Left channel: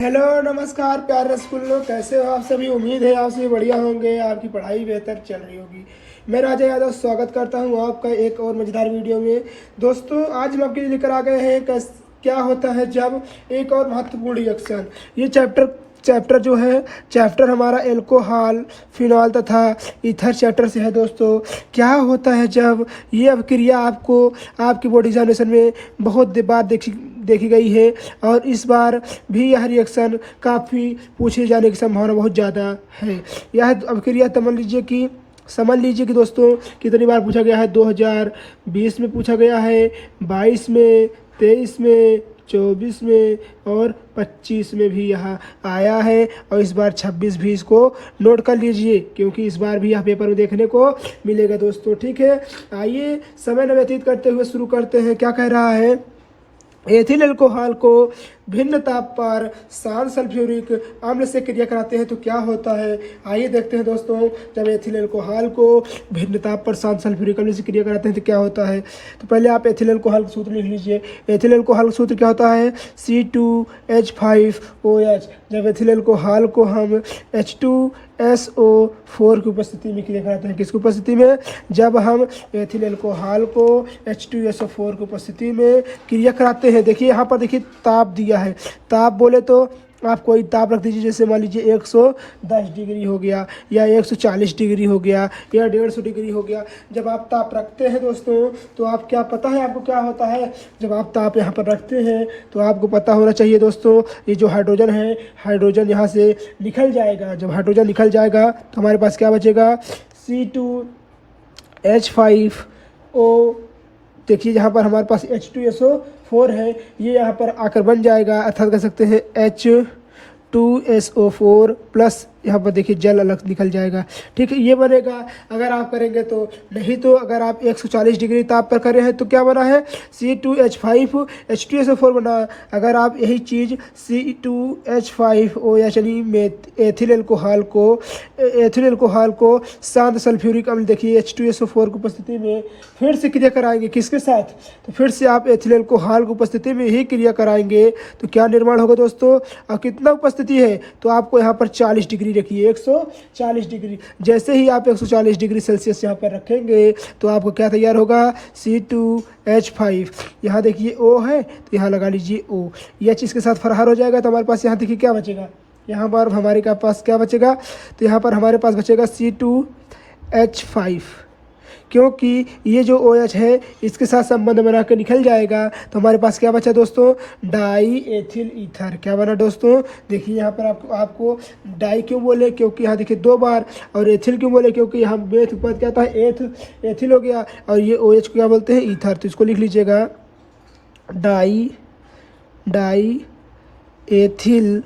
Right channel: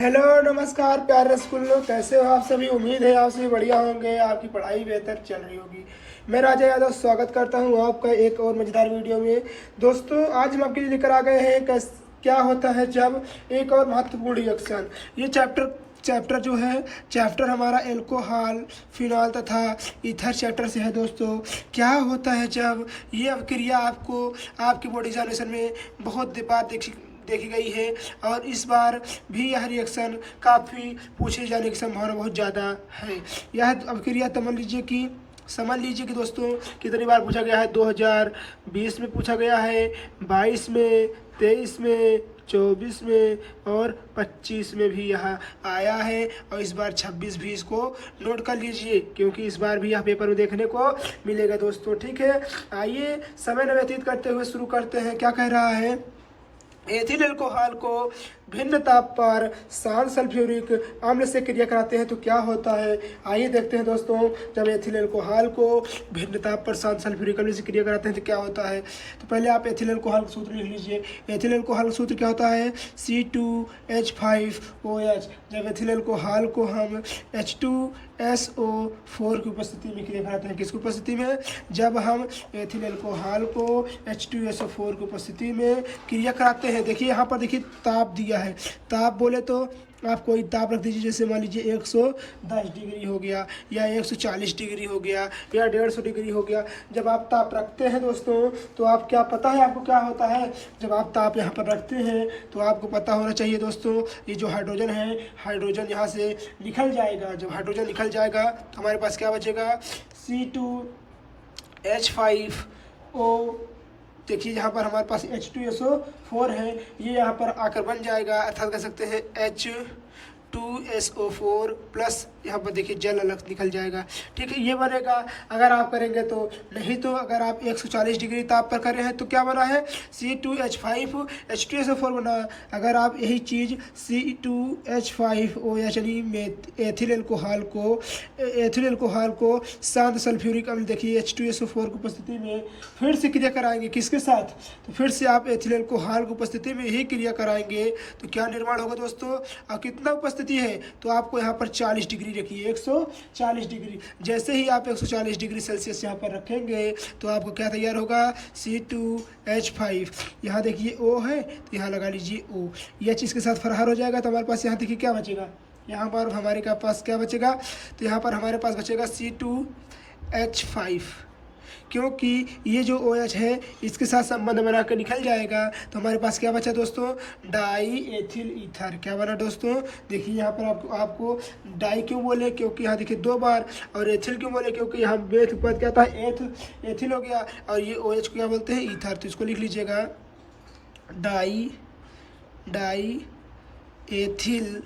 Hello नमस्कार प्यारे स्कूलों, कैसे हो आप सभी। उम्मीद है आप सभी बढ़िया होंगे, आपकी पढ़ाई बेहतर चल रही होगी। मैं राजा यादव स्वागत करता हूं आपका एक और मज़ेदार वीडियो में। दोस्तों, आज हम आपके लिए लेकर आ गए हैं क्या होता है जब, एक और महत्वपूर्ण रिएक्शन। ये चैप्टर जो है, चैप्टर हमारा एल्कोहल, फिनॉल तथा ईथर चैप्टर से है। दोस्तों, क्या होता है जब, ये अभिक्रिया आपको आपकी बोर्ड एग्जामिनेशन में बहुत बार देखी गई है और इस बार भी यह रिएक्शन काफ़ी पूछे जाने की संभावना बहुत ज़्यादा है। यह अभिक्रिया समझ लीजिए कि दोस्तों, कितनी बार पूछा गया है। 2020 में पूछा गया है, 22 में, 23 में, 24 में और 25 में भी यह आया है। और इस बार 26 भी इसको नोट कर लीजिए, क्योंकि इस बार भी यह पेपर में देखने को मिलेगा। दोस्तों ठीक है, आइए समय न व्यतीत करते हुए शुरू करते हैं। क्या कह रहा है, एथिल अल्कोहल को भिन्न ताप पर शांत सल्फ्यूरिक अम्ल से क्रिया कराते हैं तो क्या होता है। आइए देखते हैं दोस्तों, जब एथिल अल्कोहल को भिन्न ताप पर शांत सल्फ्यूरिक अम्ल से क्रिया कराते हैं तो क्या होता है। तो पहले आप एथिल अल्कोहल का सूत्र लिख लीजिए। एथिल अल्कोहल का सूत्र क्या होता है, C2H5OH। जब एथिल अल्कोहल को हम H2SO4 की उपस्थिति में क्रिया कराते हैं, किसकी उपस्थिति में, जब हम एथिल अल्कोहल को H2SO4 की उपस्थिति में क्रिया कराते हैं। देखिए यहाँ पर देखिए ताप दिया है। ताप बोले तो आप कोई ताप रख दीजिए, जैसे मान लीजिए 110 डिग्री हो गया या 140 डिग्री हो गया या 150 डिग्री हो गया। जब आप ताप रखते हैं दोस्तों, तो आप क्या पता है आपको क्या होता है। जब आप ताप यहाँ पर रखते हैं तो आपको पता होना चाहिए दोस्तों, ये जो हाइड्रोजन है, हाइड्रोजन यहाँ से निकल जाएगा। जब हाइड्रोजन निकल जाएगा तो हमारे पास क्या बचेगा, C2H5O। देखिए यहाँ पर हमारे पास H2SO4 है, ये यहाँ पर आकर बन जाएगा, अर्थात कह सकते हैं H2SO4 प्लस यहाँ पर देखिए जल अलग निकल जाएगा। ठीक है, ये बनेगा अगर आप करेंगे तो। नहीं तो अगर आप 140 डिग्री ताप पर करे हैं तो क्या बना है, C2H5H2SO4 बना। अगर आप यही चीज़ C2H5O यानी एथिल अल्कोहल को शांत सल्फ्यूरिक अम्ल, देखिए H2SO4 की उपस्थिति में फिर से क्रिया कराएंगे, किसके साथ, तो फिर से आप एथिल अल्कोहल की उपस्थिति में ही क्रिया कराएंगे तो क्या निर्माण होगा दोस्तों। और कितना उपस्थिति है, तो आपको यहाँ पर 40 डिग्री रखिए, 140 डिग्री। जैसे ही आप 140 डिग्री सेल्सियस यहाँ पर रखेंगे तो आपको क्या तैयार होगा, C2H5। यहाँ देखिए O है तो यहाँ लगा लीजिए O। H इसके साथ फरार हो जाएगा तो हमारे पास यहाँ देखिए क्या बचेगा, यहाँ पर हमारे पास क्या बचेगा, तो यहाँ पर हमारे पास बचेगा C2H5। क्योंकि ये जो OH है इसके साथ संबंध बना कर निकल जाएगा तो हमारे पास क्या बचा दोस्तों, डाई एथिल ईथर। क्या बना दोस्तों, देखिए यहाँ पर आपको डाई क्यों बोले, क्योंकि यहाँ देखिए 2 बार, और एथिल क्यों बोले, क्योंकि यहाँ बेथ पद क्या था, एथिल हो गया, और ये OH को क्या बोलते हैं, ईथर। तो इसको लिख लीजिएगा, डाई एथिल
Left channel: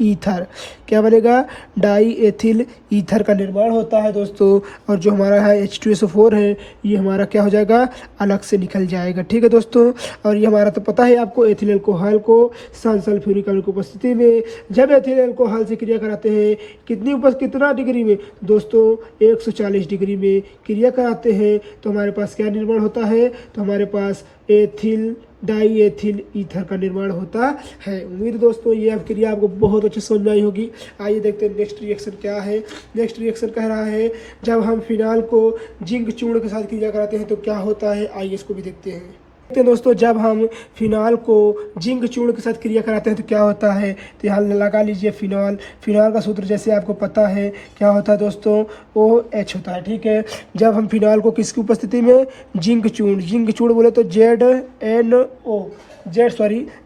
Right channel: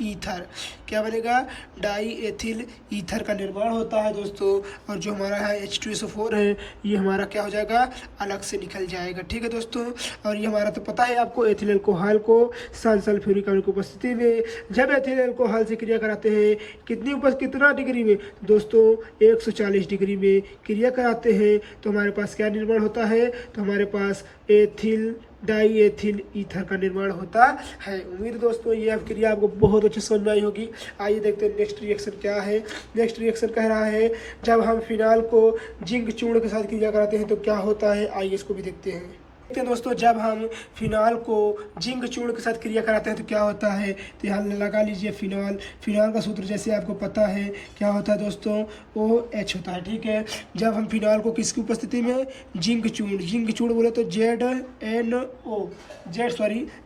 ईथर। क्या बनेगा, डाई एथिल ईथर का निर्माण होता है दोस्तों। और जो हमारा है H2SO4 है, ये हमारा क्या हो जाएगा, अलग से निकल जाएगा। ठीक है दोस्तों, और ये हमारा तो पता है आपको, एथिल अल्कोहल को शांत सल्फ्यूरिक अम्ल की उपस्थिति में जब एथिल अल्कोहल से क्रिया कराते हैं, कितना डिग्री में दोस्तों, 140 डिग्री में क्रिया कराते हैं तो हमारे पास क्या निर्माण होता है, तो हमारे पास डाई एथिल ईथर का निर्माण होता है। उम्मीद दोस्तों ये अभिक्रिया आपको बहुत अच्छे समझ में आई होगी। आइए देखते हैं नेक्स्ट रिएक्शन क्या है। नेक्स्ट रिएक्शन कह रहा है, जब हम फिनाल को जिंक चूर्ण के साथ क्रिया कराते हैं तो क्या होता है। आइए इसको भी देखते हैं। दोस्तों, जब हम फिनाल को जिंक चूर्ण के साथ क्रिया कराते हैं तो क्या होता है, तो यहाँ लगा लीजिए फिनाल का सूत्र जैसे आपको पता है क्या होता है दोस्तों, OH होता है। ठीक है, जब हम फिनाल को किसकी उपस्थिति में, जिंक चूर्ण बोले तो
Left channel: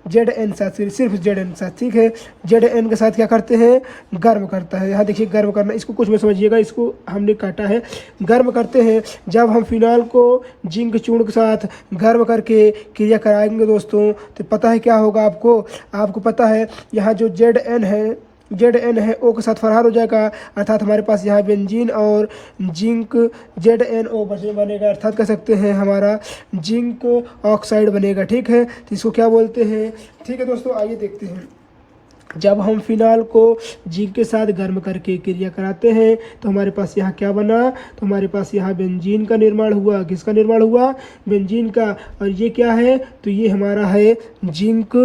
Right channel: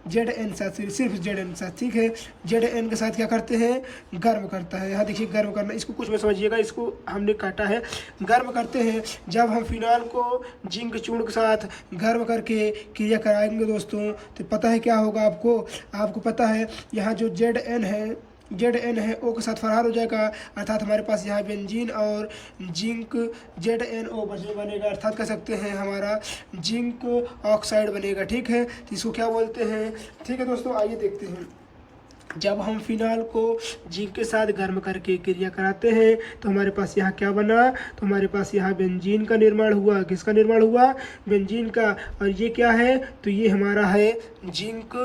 ZN साथ, सिर्फ ZN साथ। ठीक है, ZN के साथ क्या करते हैं, गर्म करता है। यहाँ देखिए गर्म करना, इसको कुछ में समझिएगा, इसको हमने काटा है, गर्म करते हैं। जब हम फिनाल को जिंक चूर्ण के साथ गर्म करके क्रिया कराएंगे दोस्तों तो पता है क्या होगा, आपको पता है, यहाँ जो ZN है O के साथ फरार हो जाएगा, अर्थात हमारे पास यहाँ बेंजीन और जिंक ZNO बनेगा, अर्थात कह सकते हैं हमारा जिंक ऑक्साइड बनेगा। ठीक है, तो इसको क्या बोलते हैं। ठीक है दोस्तों, आइए देखते हैं। जब हम फिनाल को जिंक के साथ गर्म करके क्रिया कराते हैं तो हमारे पास यहाँ क्या बना, तो हमारे पास यहाँ बेंजीन का निर्माण हुआ। किसका निर्माण हुआ, बेंजीन का। और ये क्या है, तो ये हमारा है जिंक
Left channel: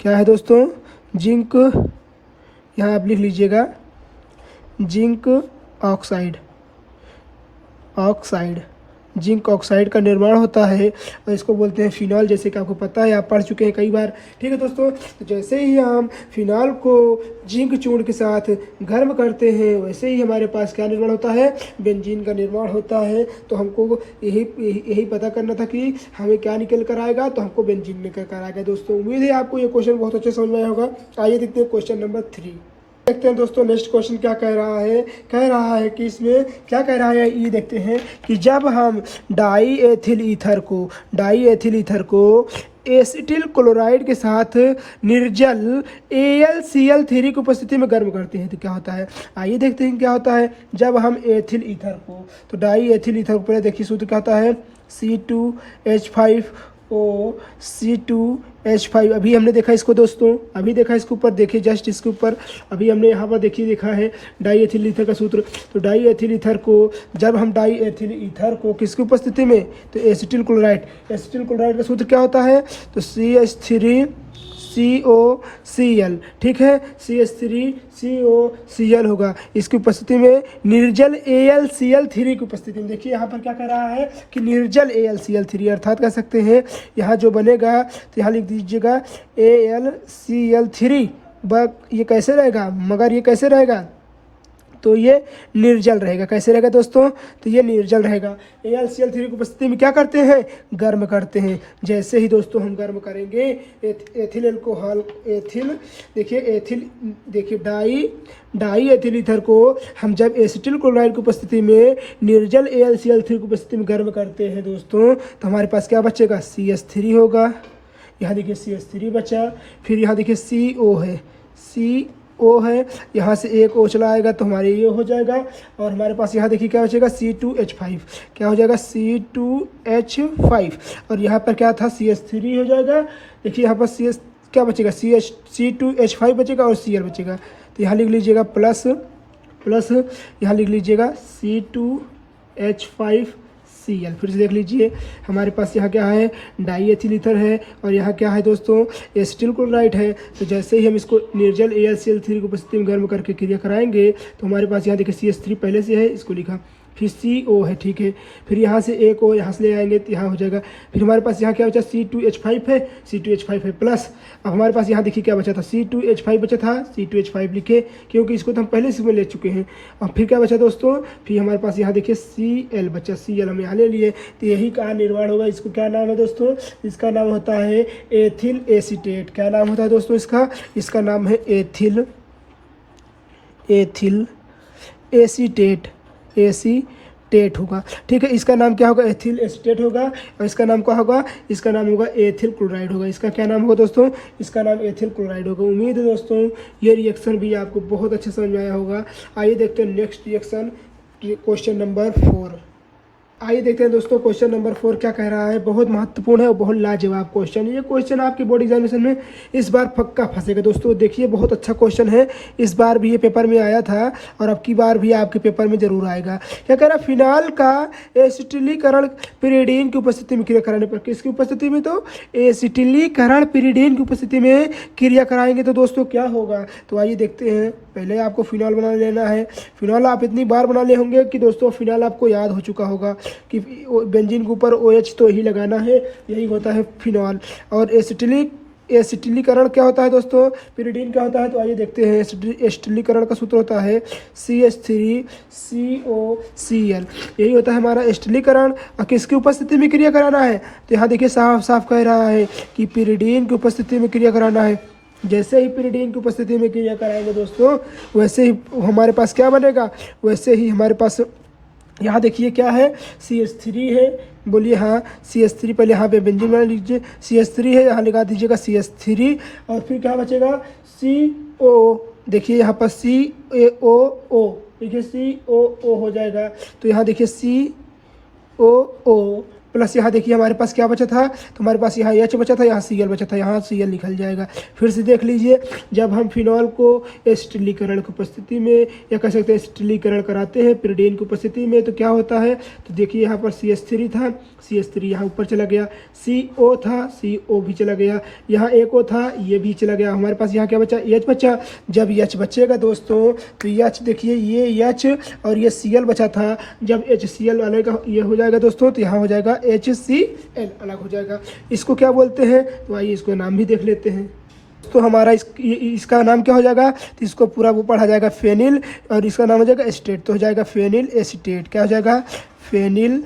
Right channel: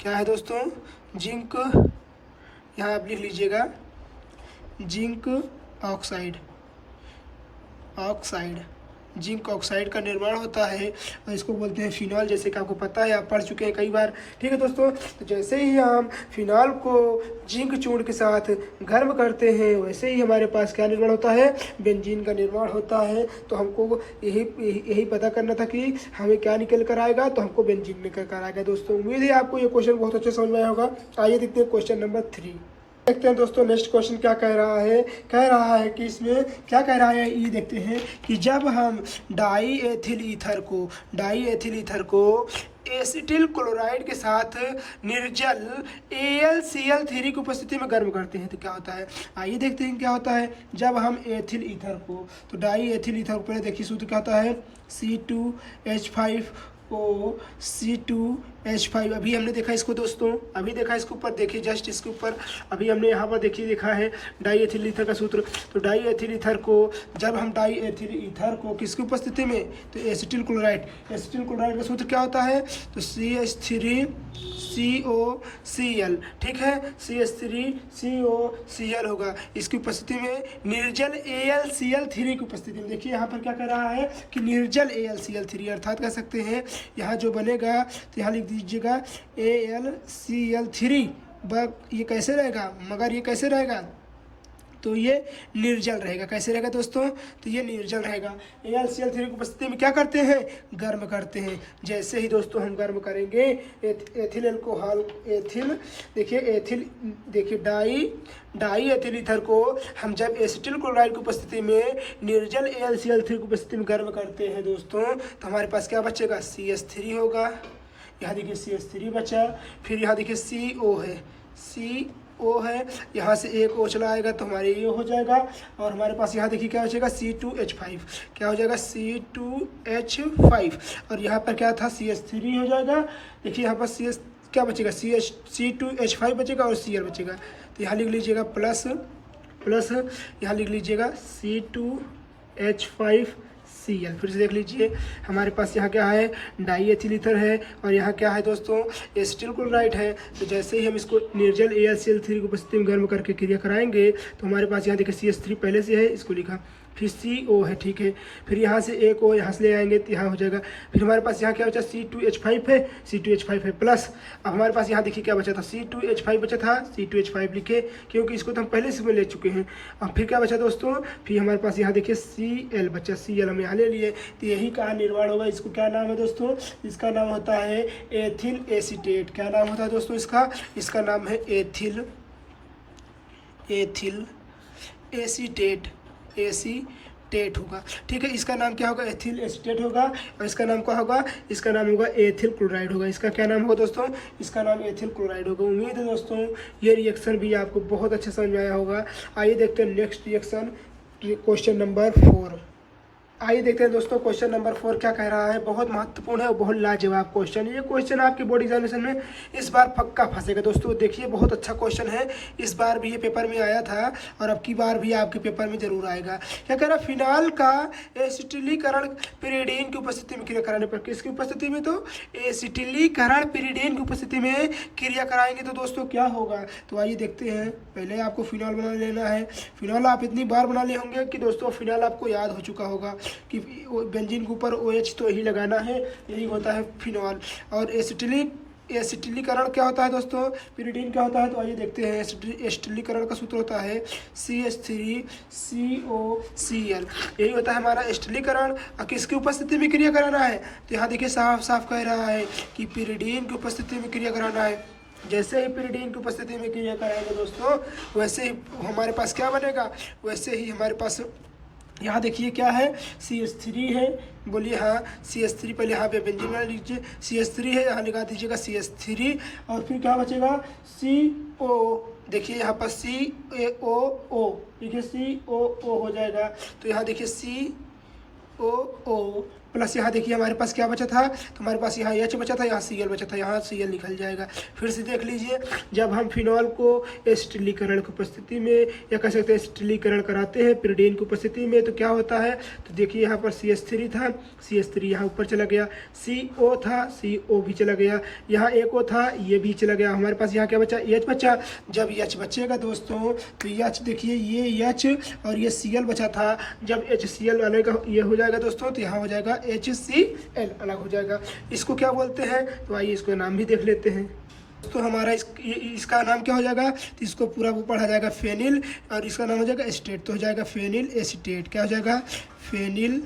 क्या है दोस्तों, जिंक, यहाँ आप लिख लीजिएगा जिंक ऑक्साइड, जिंक ऑक्साइड का निर्माण होता है और इसको बोलते हैं फिनॉल, जैसे कि आपको पता है, आप पढ़ चुके हैं कई बार। ठीक है दोस्तों, तो जैसे ही हम फिनॉल को जिंक चूर्ण के साथ गर्म करते हैं वैसे ही हमारे पास क्या निर्माण होता है, बेंजीन का निर्माण होता है। तो हमको यही पता करना था कि हमें क्या निकल कर आएगा, तो हमको बेंजीन निकल कर आएगा। दोस्तों उम्मीद है आपको ये क्वेश्चन बहुत अच्छे समझ में आया होगा। आइए देखते हैं क्वेश्चन नंबर 3। देखते हैं दोस्तों नेक्स्ट क्वेश्चन क्या कह रहा है कि इसमें क्या कह रहा है, ये देखते हैं कि जब हम डाई एथिल ईथर को एसिटिल क्लोराइड के साथ निर्जल AlCl3 की उपस्थिति में गर्म करते हैं तो क्या होता है। आइए देखते हैं क्या होता है जब हम एथिल ईथर को, तो डाई एथिल ईथर को पहले देखिए सूत्र क्या होता है, C2H5O, अभी हमने देखा इसको दोस्तों, अभी देखा इसके ऊपर, देखिए जस्ट इसके ऊपर अभी हमने यहाँ पर देखा है डाई एथिल ईथर का सूत्र। तो डाई एथिल ईथर को, जब हम डाई एथिल ईथर को किसकी उपस्थिति में, तो एसिटिल क्लोराइड का सूत्र क्या होता है, तो CH3COCl, ठीक है, CH3COCl होगा। इसकी उपस्थिति में निर्जल AlCl3 की उपस्थिति में, देखिए यहाँ पर क्या कर रहा है कि निर्जल AlCl3, अर्थात कह सकते हैं यहाँ जो बनेगा, तो यहाँ लिख दीजिएगा AlCl3, ये कैसे रहेगा, मगर ये कैसे रहेगा, तो ये निर्जल रहेगा। कैसे रहेगा दोस्तों, तो ये निर्जल रहेगा। AlCl3 की उपस्थिति में क्या करते हैं, गर्म करते हैं। जैसे ही दोस्तों हम गर्म करेंगे एथिल अल्कोहल, देखिए डाई एथिल ईथर को हम जब एसिटिल क्लोराइड की उपस्थिति में निर्जल AlCl3 की उपस्थिति में गर्म करते हैं दोस्तों, तो हमारे पास क्या बचेगा, CH3 होगा। यहाँ देखिए CH3 बचा, फिर यहाँ देखिए CO है, यहाँ से एक O चला आएगा तो हमारे ये हो जाएगा, और हमारे पास यहाँ देखिए क्या बचेगा, C2H5, क्या हो जाएगा, C2H5, और यहाँ पर क्या था, CH3 हो जाएगा। देखिए यहाँ पर क्या बचेगा, C2H5 बचेगा और Cl बचेगा। तो यहाँ लिख लीजिएगा प्लस, यहाँ लिख लीजिएगा C2H5 Cl। फिर से देख लीजिए हमारे पास यहाँ क्या है, डाई एथिल ईथर है और यहाँ क्या है दोस्तों, एसिटिल क्लोराइड है। तो जैसे ही हम इसको निर्जल AlCl3 की उपस्थिति में गर्म करके क्रिया कराएंगे तो हमारे पास यहाँ देखिए CH3 पहले से है, इसको लिखा, फिर CO है, ठीक है, फिर यहाँ से एक O यहाँ से ले आएंगे तो यहाँ हो जाएगा। फिर हमारे पास यहाँ क्या बचा, C2H5 है, प्लस अब हमारे पास यहाँ देखिए क्या बचा था, C2H5 बचा था, C2H5 लिखे क्योंकि इसको तो हम पहले से ले चुके हैं। अब फिर क्या बचा दोस्तों, फिर हमारे पास यहाँ देखिए Cl बचा, Cl हम यहाँ ले लिए। तो यही का निर्माण होगा। इसको क्या नाम है दोस्तों, इसका नाम होता है एथिल एसीटेट। क्या नाम होता है दोस्तों इसका नाम है एथिल एसीटेट होगा, ठीक है। इसका नाम क्या होगा, एथिल एसीटेट होगा, और इसका नाम क्या होगा, इसका नाम होगा एथिल क्लोराइड होगा। इसका क्या नाम होगा दोस्तों, इसका नाम एथिल क्लोराइड होगा। उम्मीद है दोस्तों ये रिएक्शन भी आपको बहुत अच्छे समझ में आया होगा। आइए देखते हैं नेक्स्ट रिएक्शन, क्वेश्चन नंबर 4। आइए देखते हैं दोस्तों क्वेश्चन नंबर 4 क्या कह रहा है। बहुत महत्वपूर्ण है और बहुत लाजवाब क्वेश्चन। ये क्वेश्चन आपके बोर्ड एग्जामिनेशन में इस बार पक्का फंसेगा दोस्तों। देखिए बहुत अच्छा क्वेश्चन है, इस बार भी ये पेपर में आया था और अब की बार भी आपके पेपर में जरूर आएगा। क्या कह रहा है, फिनाल का एसिटिलीकरण पिरिडीन की उपस्थिति में क्रिया कराने पर, किसकी उपस्थिति में, तो एसिटिलीकरण पिरिडीन की उपस्थिति में क्रिया कराएंगे तो दोस्तों क्या होगा। तो आइए देखते हैं। पहले आपको फिनाल बना लेना है। फिनाल आप इतनी बार बना ले होंगे कि दोस्तों फिनाल आपको याद हो चुका होगा कि बेंजीन के ऊपर OH तो ही लगाना है, यही होता है फिनॉल। और एसिटिलीकरण क्या होता है दोस्तों, पिरिडीन क्या होता है। तो आइए देखते हैं। एसिटिलीकरण का सूत्र होता है CH3COCl, यही होता है हमारा एसिटिलीकरण। और किसकी उपस्थिति में क्रिया कराना है, तो यहाँ देखिए साफ साफ कह रहा है कि पिरिडीन की उपस्थिति में क्रिया कराना है। जैसे ही पिरिडीन की उपस्थिति में क्रिया कराएंगे दोस्तों, वैसे ही हमारे पास क्या बनेगा, वैसे ही हमारे पास यहाँ देखिए क्या है, CH3 है, बोलिए हाँ CH3। पहले यहाँ पे बेंजीन बना लीजिए, CH3 है, यहाँ लगा दीजिएगा CH3, और फिर क्या बचेगा CO। देखिए यहाँ पर CaO, देखिए COO हो जाएगा। तो यहाँ देखिए COO प्लस यहाँ देखिए हमारे पास क्या बचा था, तो हमारे पास यहाँ H बचा था, यहाँ Cl बचा था, यहाँ Cl निकल जाएगा। फिर से देख लीजिए, जब हम फिनॉल को एसिटिलीकरण की उपस्थिति में या कह सकते हैं एसिटिलीकरण कराते हैं पिरिडीन की उपस्थिति में, तो क्या होता है, तो देखिए यहाँ पर CH3 था, CH3 यहाँ ऊपर चला गया, CO था, CO भी चला गया, यहाँ एक O था, ये भी चला गया। हमारे पास यहाँ क्या बचा, H बचा। जब H बचेगा दोस्तों, तो H देखिए ये H और ये Cl बचा था, जब HCl अलग ये हो जाएगा दोस्तों, तो यहाँ हो जाएगा HCl अलग हो जाएगा। इसको क्या बोलते हैं, तो आइए इसको नाम भी देख लेते हैं। तो हमारा इसका नाम क्या हो जाएगा, तो इसको पूरा वो पढ़ा जाएगा फेनिल, और इसका नाम हो जाएगा एसीटेट, तो हो जाएगा फेनिल एसीटेट। क्या हो जाएगा, फेनिल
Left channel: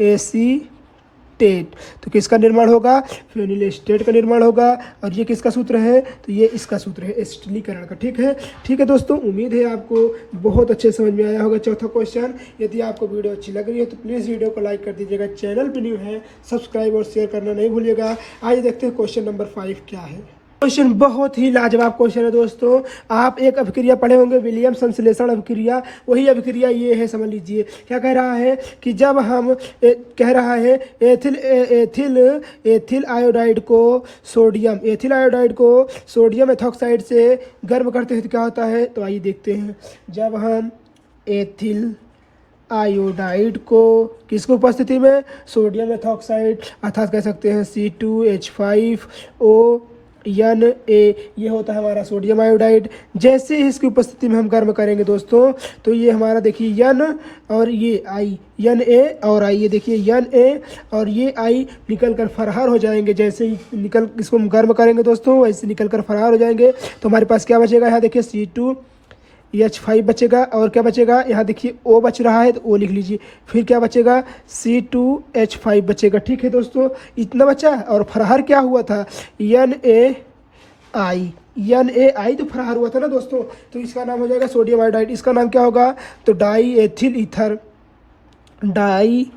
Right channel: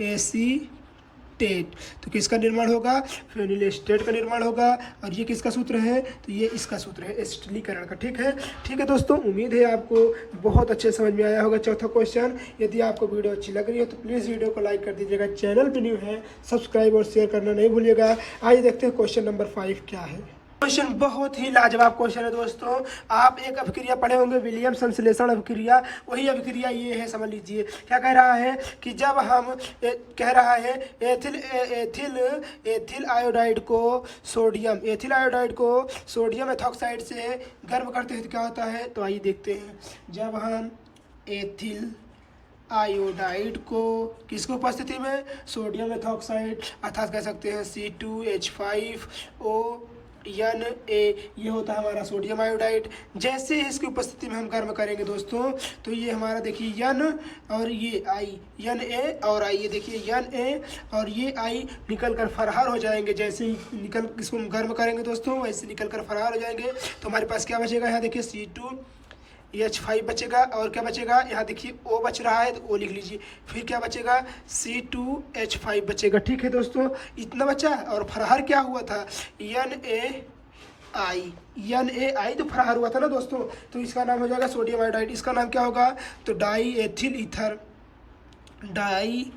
एसीटेट। तो किसका निर्माण होगा, फेनिल एसीटेट का निर्माण होगा। और ये किसका सूत्र है, तो ये इसका सूत्र है एसिटिलीकरण का। ठीक है दोस्तों, उम्मीद है आपको बहुत अच्छे समझ में आया होगा चौथा क्वेश्चन। यदि आपको वीडियो अच्छी लग रही है तो प्लीज़ वीडियो को लाइक कर दीजिएगा, चैनल पर न्यू है सब्सक्राइब और शेयर करना नहीं भूलिएगा। आइए देखते हैं क्वेश्चन नंबर 5 क्या है। क्वेश्चन बहुत ही लाजवाब क्वेश्चन है दोस्तों। आप एक अभिक्रिया पढ़े होंगे, विलियम संश्लेषण अभिक्रिया, वही अभिक्रिया ये है। समझ लीजिए क्या कह रहा है कि जब हम कह रहा है एथिल आयोडाइड को सोडियम एथॉक्साइड से गर्म करते हैं तो क्या होता है, तो आइए देखते हैं। जब हम एथिल आयोडाइड को किसको उपस्थिति में, सोडियम एथॉक्साइड अर्थात कह सकते हैं C2H5O Na, ये होता है हमारा सोडियम आयोडाइड। जैसे ही इसकी उपस्थिति में हम गर्म करेंगे दोस्तों, तो ये हमारा देखिए N और ये I, Na और I, ये देखिए Na और ये I निकल कर फरार हो जाएंगे। जैसे ही इसको हम गर्म करेंगे दोस्तों, वैसे निकल कर फरार हो जाएंगे। तो हमारे पास क्या बचेगा, यहाँ देखिए C2H5 बचेगा, और क्या बचेगा, यहाँ देखिए O बच रहा है तो O लिख लीजिए। फिर क्या बचेगा, C2H5 बचेगा। ठीक है दोस्तों, इतना बचा। और फरार क्या हुआ था, NaI तो फरार हुआ था ना दोस्तों, तो इसका नाम हो जाएगा सोडियम आयोडाइड। इसका नाम क्या होगा, तो die ethyl die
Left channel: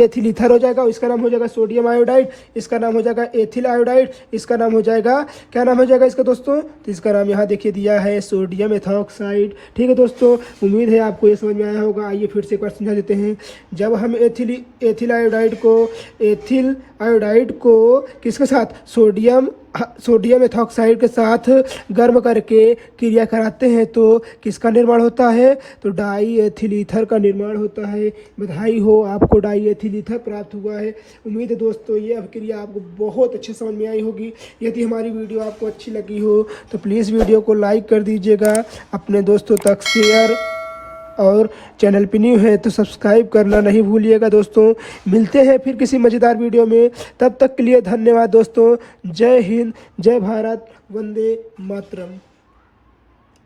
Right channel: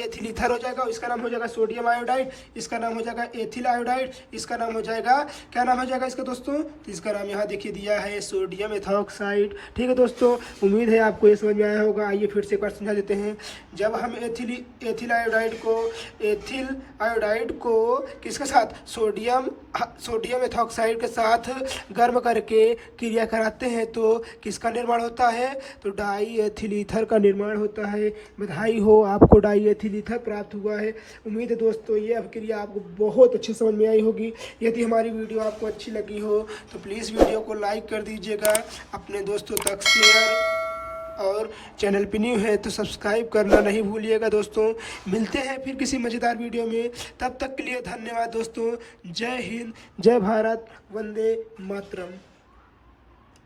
ethyl ether हो जाएगा। इसका नाम हो जाएगा सोडियम आयोडाइड, इसका नाम हो जाएगा एथिल आयोडाइड, इसका नाम हो जाएगा, क्या नाम हो जाएगा इसका दोस्तों, तो इसका नाम यहाँ देखिए दिया है सोडियम एथॉक्साइड। ठीक है दोस्तों, उम्मीद है आपको ये समझ में आया होगा। आइए फिर से एक बार समझा देते हैं। जब हम एथिल आयोडाइड को किसके साथ, सोडियम एथॉक्साइड के साथ गर्म करके क्रिया कराते हैं तो किसका निर्माण होता है, तो डाई एथिल ईथर का निर्माण होता है। बधाई हो, आपको डाई एथिल ईथर प्राप्त हुआ है। उम्मीद है दोस्तों ये अभिक्रिया आपको बहुत अच्छे समझ में आई होगी। यदि हमारी वीडियो आपको अच्छी लगी हो तो प्लीज़ वीडियो को लाइक कर दीजिएगा, अपने दोस्तों तक शेयर, और चैनल पे न्यू है तो सब्सक्राइब करना नहीं भूलिएगा दोस्तों। मिलते हैं फिर किसी मज़ेदार वीडियो में, तब तक के लिए धन्यवाद दोस्तों। जय हिंद, जय भारत, वंदे मातरम।